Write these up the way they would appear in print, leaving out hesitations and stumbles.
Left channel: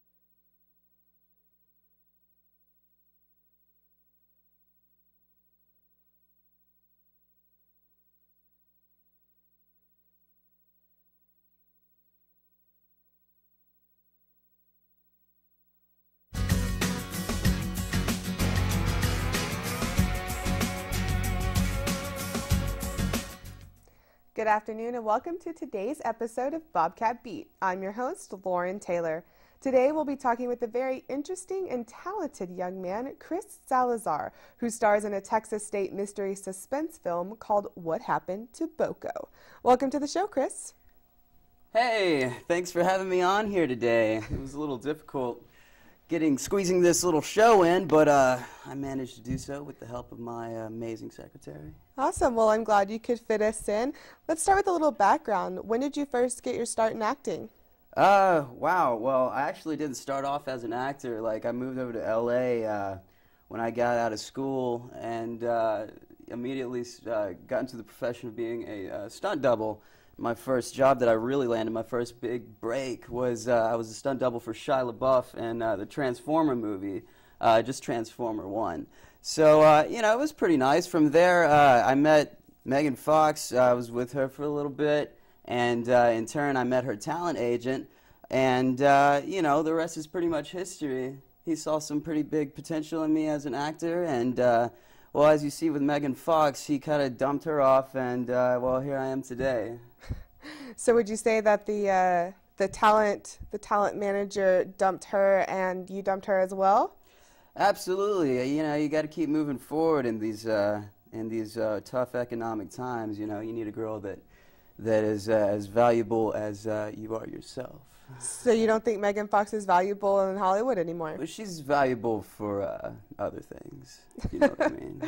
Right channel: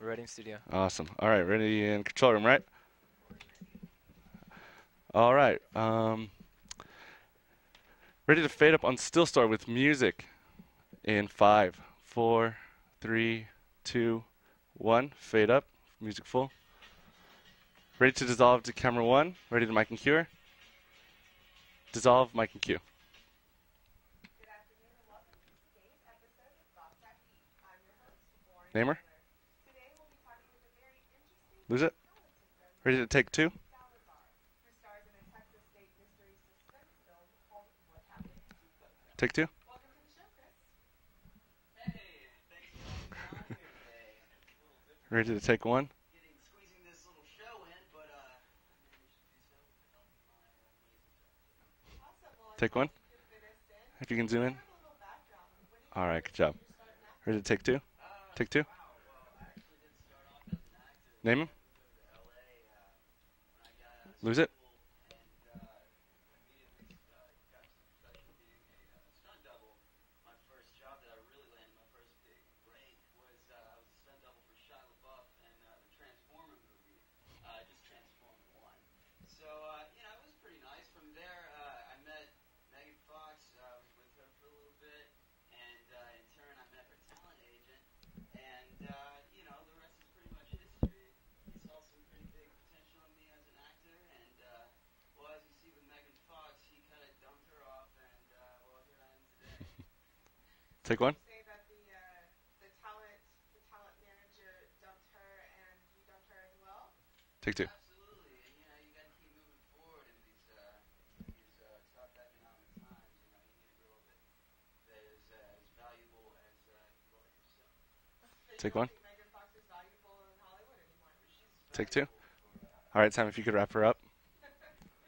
We're ready in studio. Awesome. All right, ready in control room, right? All right. Ready to fade up on Still Star with music in 5, 4, 3, 2, 1. Fade up. Music full. Ready to dissolve to camera 1. Ready to mic and cue. Dissolve, mic and cue. Good afternoon and welcome to today's episode of Bobcat Beat. I'm your host, Lauren Namer? Taylor. Today we'll be talking with a very interesting and it? talented young Ready to man, take Chris two? Salazar, who stars in a Texas State mystery suspense film called What Happened to Boko. Take 2. Welcome to the show, Chris. Hey, thanks for having me on here today. It was a little difficult Ready to take 1. squeezing this little show in, but I managed to do so with the help of my amazing secretary. Awesome. Well, I'm Take glad 1. you could fit us in. If you can Let's zoom start in. with a little background. When did you All right, first good job. get your start in Ready acting? to take 2. Take 2. Wow. Well, I actually didn't start off as an actor. Like, Namer? I moved over to L.A. When I got out of Lose it? school and immediately got into the profession of being a stunt double. My first job that I really landed, my first big break, was I was a stunt double for Shia LaBeouf in the Transformer movie, just Transformer 1. So, you know, it was pretty nice. From there, I met Megan Fox. I was with her for a little bit, and in turn, I met her talent agent. And, you know, the rest is pretty much history. He saw some pretty big potential in me as an actor, and, well, as you see with Megan Fox, he kind of dumped her off, and, well, here I am today. So Take would 1. you say that the talent manager dumped her and you dumped her as well? Take 2. Absolutely. You know, you got to keep moving forward in these tough economic times. You know, you need a girl that is as valuable as you are yourself. So you Take don't 1. think Megan Fox is valuable in Hollywood anymore? But she's valuable for. All right, Sam, if you could wrap her up. You know what I mean?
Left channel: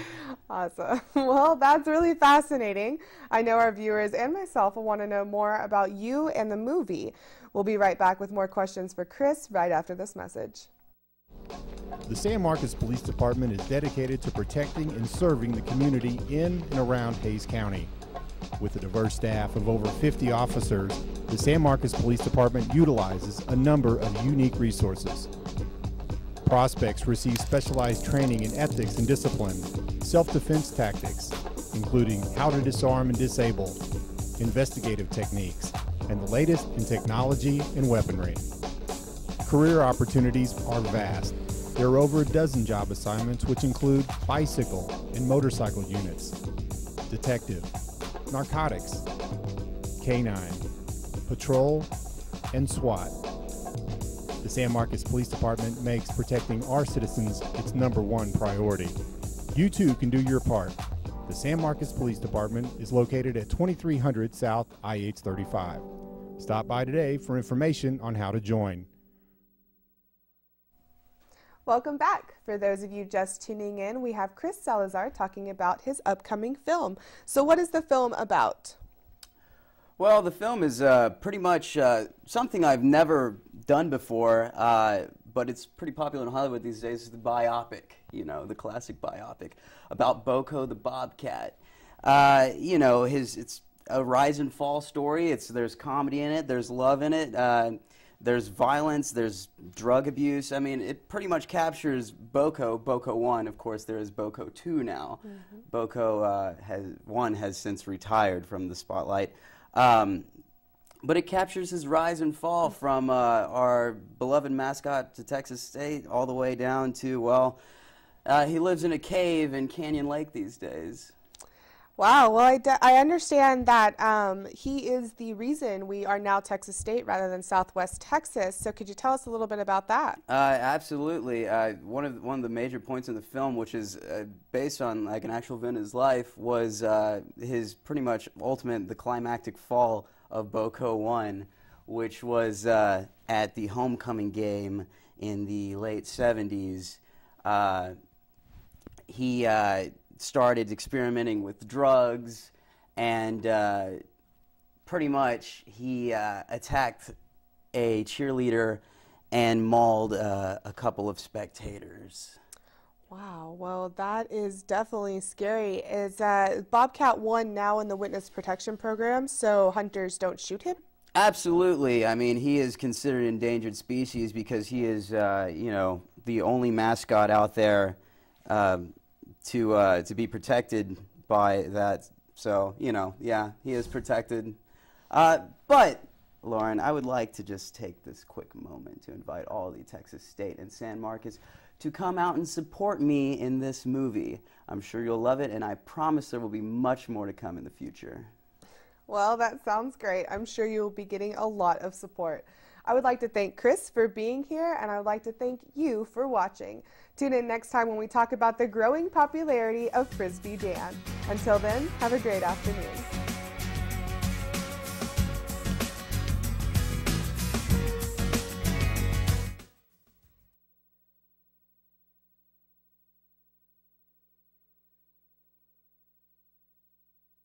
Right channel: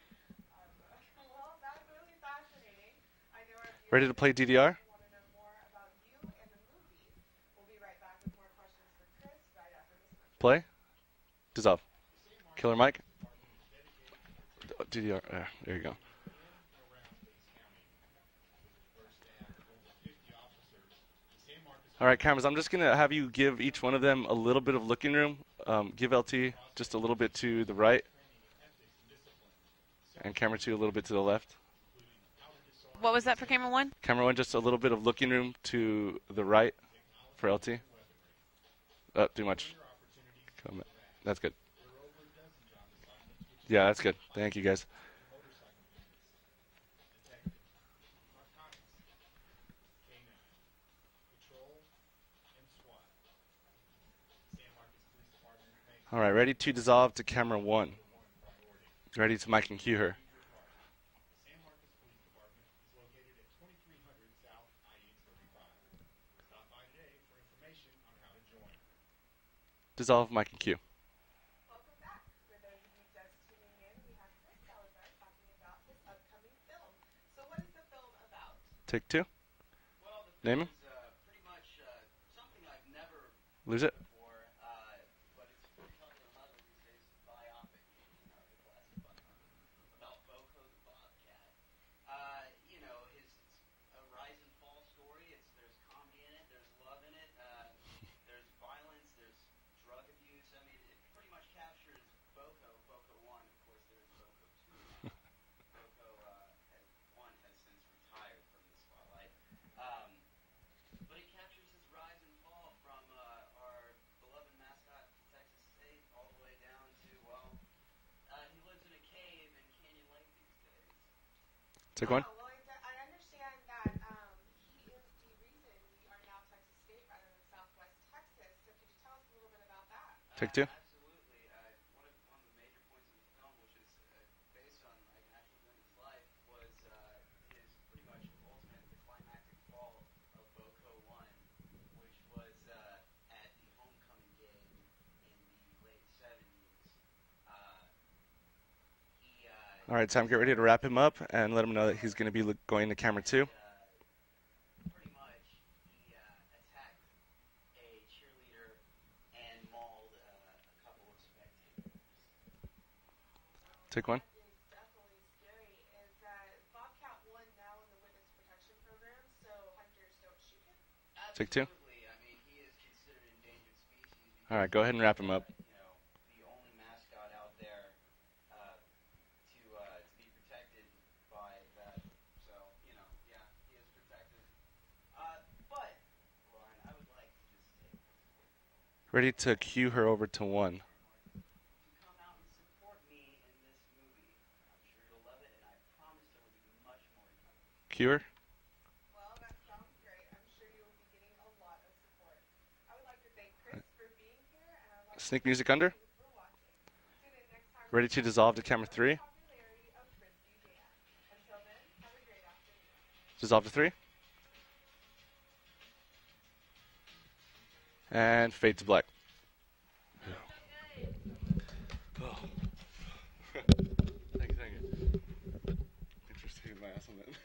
Awesome. Well, that's really fascinating. I know our viewers to play and DDR? myself will want to know more about you and the movie. We'll be right back with more questions for Chris right after this message. Play. Dissolve. The San Marcos Killer Mike? Police Department is dedicated to protecting and DDR. serving the community in and around Hays County. With a diverse staff of over 50 officers, the San Marcos All right, Police cameras, I'm Department just going to have you utilizes give a each number one of them of a unique little bit of resources. looking room. Give LT Prospects just a little receive bit to the specialized right. training in ethics and discipline, And self-defense camera 2 a little bit to the tactics, left. including how to disarm What and was that, disable, camera 1? Camera 1, just a little bit of looking room techniques, to and the the latest right. in technology Frailty. and weaponry. Too much. Career opportunities are vast. That's good. There are over a dozen job assignments, which Yeah, that's include good. Thank you, guys. bicycle and motorcycle units, detective, narcotics, K9, patrol, and SWAT. The San Marcos Police Department makes All right, ready protecting to our dissolve to citizens camera its 1. #1 priority. Ready to You mic and too cue can her. do your part. The San Marcos Police Department is located at 2300 South IH-35. Stop by today for information on how to join. Dissolve, mic and cue. Welcome back. For those of you just tuning in, we have Chris Salazar talking about his upcoming film. So what is the film about? Take 2. Well, the film Namer? is pretty much something I've never done it? before, but it's pretty popular in Hollywood these days. It's the biopic, you know, the classic biopic about Boko the Bobcat. You know, it's a rise and fall story. There's comedy in it, there's love in it, there's violence, there's drug abuse. I mean, it pretty much captures Boko 1. Of course, there is Boko 2 now. Boko 1 has since retired from the spotlight. But it captures his rise and fall from our beloved mascot to Texas State all the way down to, well, he lives in a cave in Canyon Lake these days. Wow, well, I understand that he is the reason we are now Texas State rather than Southwest Texas. So could you tell us a little bit about that? Absolutely. One of the major points in the film, which is based on like an actual event in his life, was his pretty much the climactic fall of Boko 1, which was at the homecoming game in the late 70s. He All right, Sam, get ready started to wrap him up experimenting and let with him know that he's going drugs, to be going to camera and 2. pretty much he attacked a cheerleader and mauled a couple of spectators. Wow, well, Take 1. that is definitely scary. Is Bobcat 1 now in the witness protection program so hunters don't shoot him? Absolutely. I mean, he is considered endangered species because Alright, go ahead he and is, wrap him up. you know, the only mascot out there to be protected by that. So, you know, yeah, he is protected. But, Lauren, I would like to just take this quick moment to Ready invite to all of the cue her Texas over to State and one. San Marcos to come out and support me in this movie. I'm sure you'll love it, and I promise there will be much more to come in the future. Cue her. Well, that sounds great. I'm sure you'll be getting a lot of support. I would like to thank Chris for being here, and I would like Sneak to music thank under? you for watching. Tune in next time when Ready we to talk dissolve about to the camera growing 3? popularity of Frisbee Dan. Until then, have a great afternoon. Dissolve to 3. And fade to black.